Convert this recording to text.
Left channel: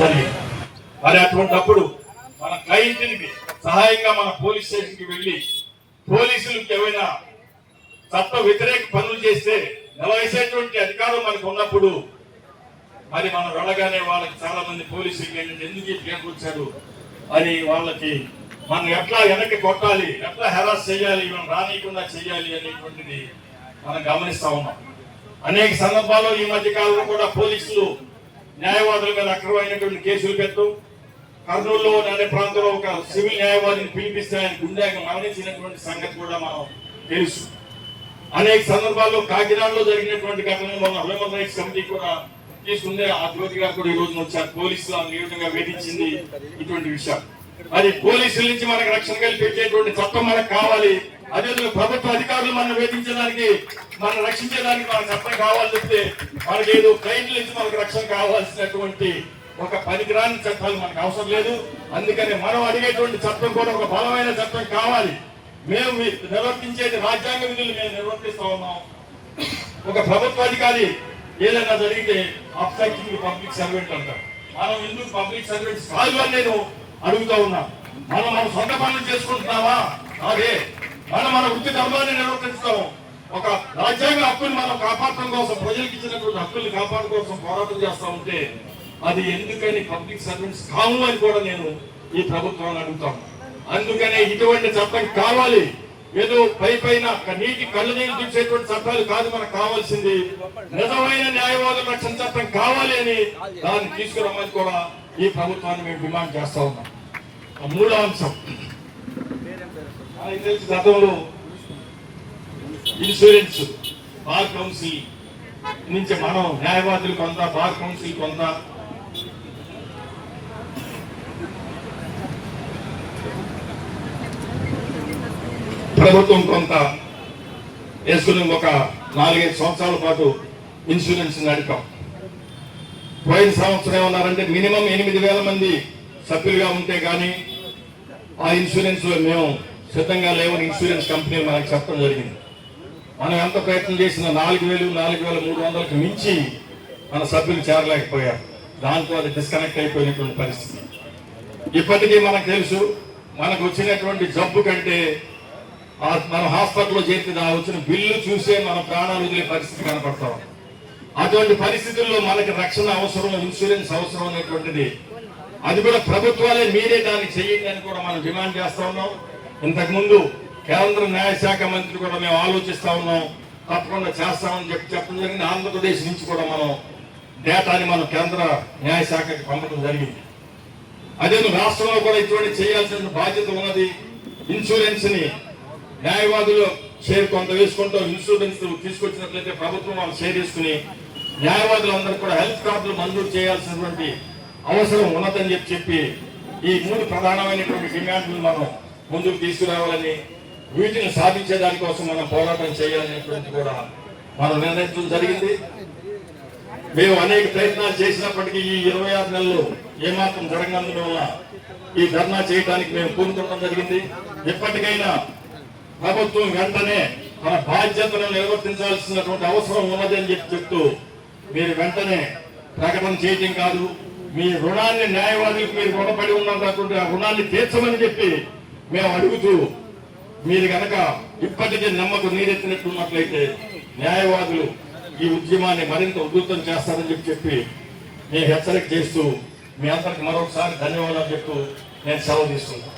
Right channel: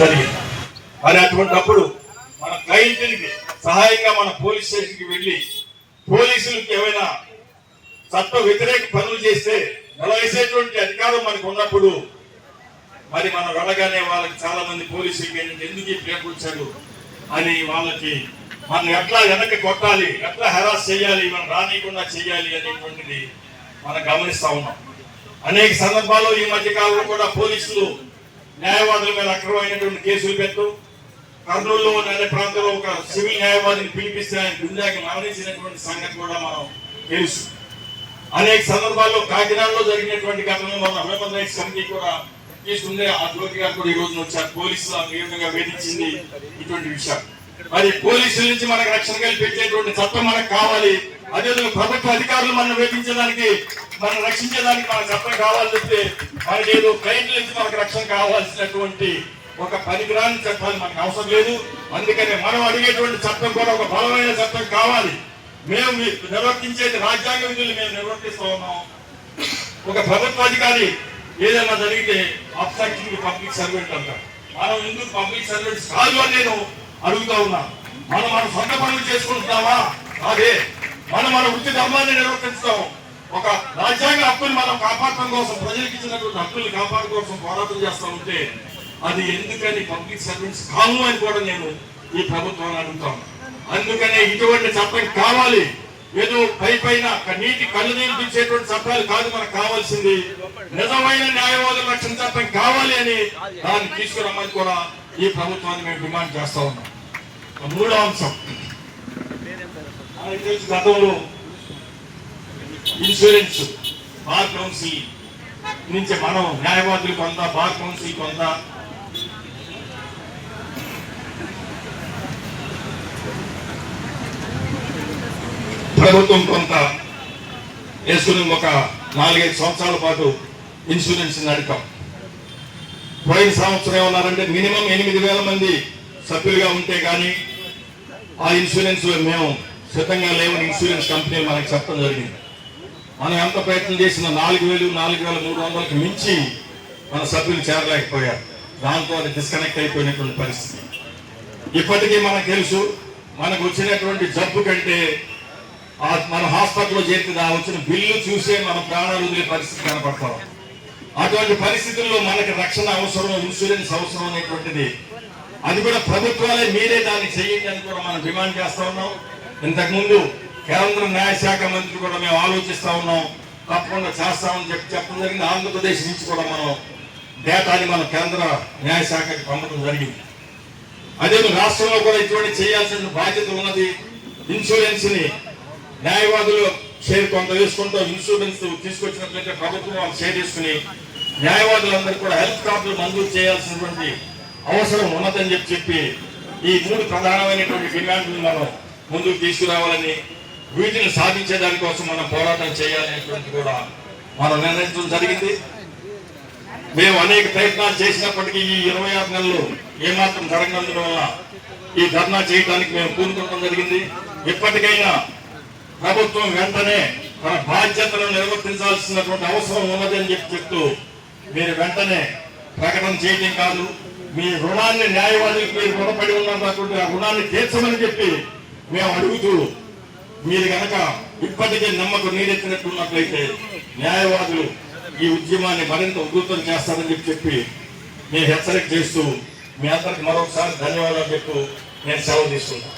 మరి అటువంటిప్పుడు మన క్లయింట్కి సహాయంగా మన పోలీస్ స్టేషన్కి వెళ్ళి పోలీసులకు ఏమైనా చట్ట వ్యతిరేక పనులు చేస్తే నిలవేసేటువంటి అధికారం మనకు ఉన్నప్పుడు మరి మనం వెళ్ళగానే వాళ్ళకి చాలా మంది పోలీసులకి ఎందుకు ప్రేమించాడు అని వాళ్ళకి మనం ఎట్లా వెనక్కి కొట్టాలి, ఎట్లా హెరాస్ చేయాలి, మనం రానియకుండా చేయాలి అనేటువంటిది మనం గమనిస్తా ఉన్నాం. అనేక సందర్భాల్లో ఈ మధ్య కాలంలో కూడా పోలీసులు న్యాయవాదుల మీద అక్రమమైనటువంటి కేసులు పెట్టు, కర్నూలులో అనే ప్రాంతంలో ఒక సివిల్ న్యాయవాదిని పిలిపిస్తే ఆయన గుండాకి మరణించినటువంటి సంగతి కూడా మనం తెలుసు. అనేక సందర్భాల్లో కాకినాడలో జరిగినటువంటి ఘటనలో మన హ్యూమన్ రైట్స్ కమిటీ కూడా తీసుకుంది. ఆ జ్యోతి గారు కూడా ఈ రోజున వచ్చారు. పోలీసులు ఏ విధంగా వేధించింది ఇటువంటి విషయాలు. మరి పోలీసుల నుంచి మనకు రక్షణ కల్పించేటువంటి చట్టం మనకు కావాలి. అదేవిధంగా ప్రభుత్వ అధికారులు మనం వేధించడానికి, మనం రక్షించడానికి మన చట్టం కావాలి చెప్తే మనకి ఏదో క్లయింట్ల నుంచి మనకు రక్షణ కావాల్సినటువంటి ఒక పనికిరాని చట్టాలు మనకు అవసరం లేదు. అందుకని మనం అడిగేటువంటి చట్టం కూడా ఒక బలమైన చట్టం కావాలి. మేము నిర్వర్తించేది రాజ్యాంగ విధులు మేము నిర్వర్తిస్తూ ఉన్నాం. ఒక ప్రభుత్వ అధికారి ఏదైనా జరిగితే అబ్స్ట్రాక్టింగ్ పబ్లిక్ సర్వెంట్ అంటారు. మనం ఎందుకు పబ్లిక్ సర్వెంట్స్ కాదు అని నేను అడుగుతా ఉన్నాం. మనం మన సొంత పనులు చేసుకుంటున్నామా? అదే మన వృత్తి ధర్మాన్ని నిర్వర్తిస్తాం. ఒక రాజ్యాంగ హక్కులు మనం కాపాడటం కోసం, ప్రజలకు ఇచ్చినటువంటి హక్కుల్ని కాపాడటం కోసం పోరాటం చేస్తా ఉంటే అది ఎందుకని పబ్లిక్ సర్వెంట్స్ కాము అని కూడా నేను ఈ ప్రభుత్వాన్ని అడుగుతాను. అందుకనే ఇటువంటి చట్టం కావాలి. ఏదో పైన నీటి కళ్ళనీళ్ళు తీసేటువంటి చట్టాలు కాదు మనకు కావాల్సింది. నిజమైన న్యాయవాదుల రక్షణ చట్టం కావాలి అని దాన్ని తీసుకురమ్మని కూడా ఈ ప్రభుత్వాన్ని మేము డిమాండ్ చేస్తా ఉన్నాం. మూడో అంశం, మనకు తెలుసు గతంలో ఇన్సూరెన్స్ బార్ కౌన్సిల్ నుంచి మనం న్యాయవాదులు కొంత, బార్ కౌన్సిల్ కొంత, ప్రభుత్వం కొంత వేసుకుని ఒక 4-5 సంవత్సరాల పాటు ఇన్సూరెన్స్ నడిపాం. పోయిన సంవత్సరం ఏమన్నారంటే మినిమం 8,000 మంది సభ్యులుగా ఉంటే కానీ ఆ ఇన్సూరెన్స్ మేము సిద్ధంగా లేవని ఇన్సూరెన్స్ కంపెనీలు మనకి చెప్పడం జరిగింది. మనం ఎంత ప్రయత్నం చేసినా 4,300కి మించి మన సభ్యులు చేరలేకపోయారు. దాంతో అది డిస్కనెక్ట్ అయిపోయినటువంటి పరిస్థితి. ఇప్పటికీ మనకు తెలుసు, మనకు వచ్చినటువంటి జబ్బు కంటే మన హాస్పిటల్లో చేరితే వచ్చిన బిల్లు చూసే మన ప్రాణాలు వదిలే పరిస్థితి కనపడతాం. అటువంటి పరిస్థితుల్లో మనకి రక్షణ అవసరం, ఇన్సూరెన్స్ అవసరం అనేటువంటిది అది కూడా ప్రభుత్వాలే మీరే దాన్ని చేయండి అని కూడా మనం డిమాండ్ చేస్తా ఉన్నాం. ఇంతకుముందు కేంద్ర న్యాయశాఖ మంత్రి కూడా మేము ఆలోచిస్తా ఉన్నాం, తప్పకుండా చేస్తామని చెప్పడం జరిగింది. ఆంధ్రప్రదేశ్ నుంచి కూడా మనం డేటాని మనం కేంద్ర న్యాయశాఖకి పంపడం జరిగింది. అదే రాష్ట్రంలో కూడా ఇటువంటి చేయాల్సిన బాధ్యత ఉన్నది. ఇన్సూరెన్స్ ని న్యాయవాదులు షేర్ కొంత వేసుకుంటూ ఇన్సూరెన్స్ తీసుకొచ్చినట్లయితే ప్రభుత్వం వాళ్ళు షేర్ చేసుకుని న్యాయవాదులందరూ కూడా హెల్త్ కార్డులు మంజూరు చేయాల్సినటువంటి అవసరం ఉన్నదని చెప్పి ఈ 3 ప్రధానమైనటువంటి డిమాండ్లు మనం ముందుకు తీసుకురావాలని, వీటిని సాధించే దానికోసం మనం పోరాటం చేయాలనేటువంటి కూడా మనం నిర్ణయించడం జరిగింది. మేము అనేక ప్రయత్నాలు చేసినప్పటికీ ఈ 26 నెలలు ఏమాత్రం జరగనందువల్ల ఈ ధర్నా చేయడానికి మేము పూనుకోవడం జరిగింది. ఇప్పటికైనా ప్రభుత్వం వెంటనే తన బాధ్యతలను నిర్వర్తించాల్సినటువంటి అవసరం ఉన్నది అని చెప్తూ మీరు వెంటనే ప్రకటన చేయడం కాదు, మీ రుణాన్ని న్యాయవాదులకు మీరు రుణపడి ఉన్నారు కాబట్టి ఆ రుణాన్ని తీర్చమని చెప్పి మేము అడుగుతూ, మీరు కనుక ఇప్పటికే నమ్మకం నీరెత్తినట్టున్నట్లయితే న్యాయవాదులు ఈ ఉద్యమాన్ని మరింత ఉధృతం చేస్తారని చెప్పి నేను హెచ్చరిక చేస్తూ మీ అందరికి మరొకసారి ధన్యవాదాలు చెప్తూ నేను సెలవు తీసుకుంటాను.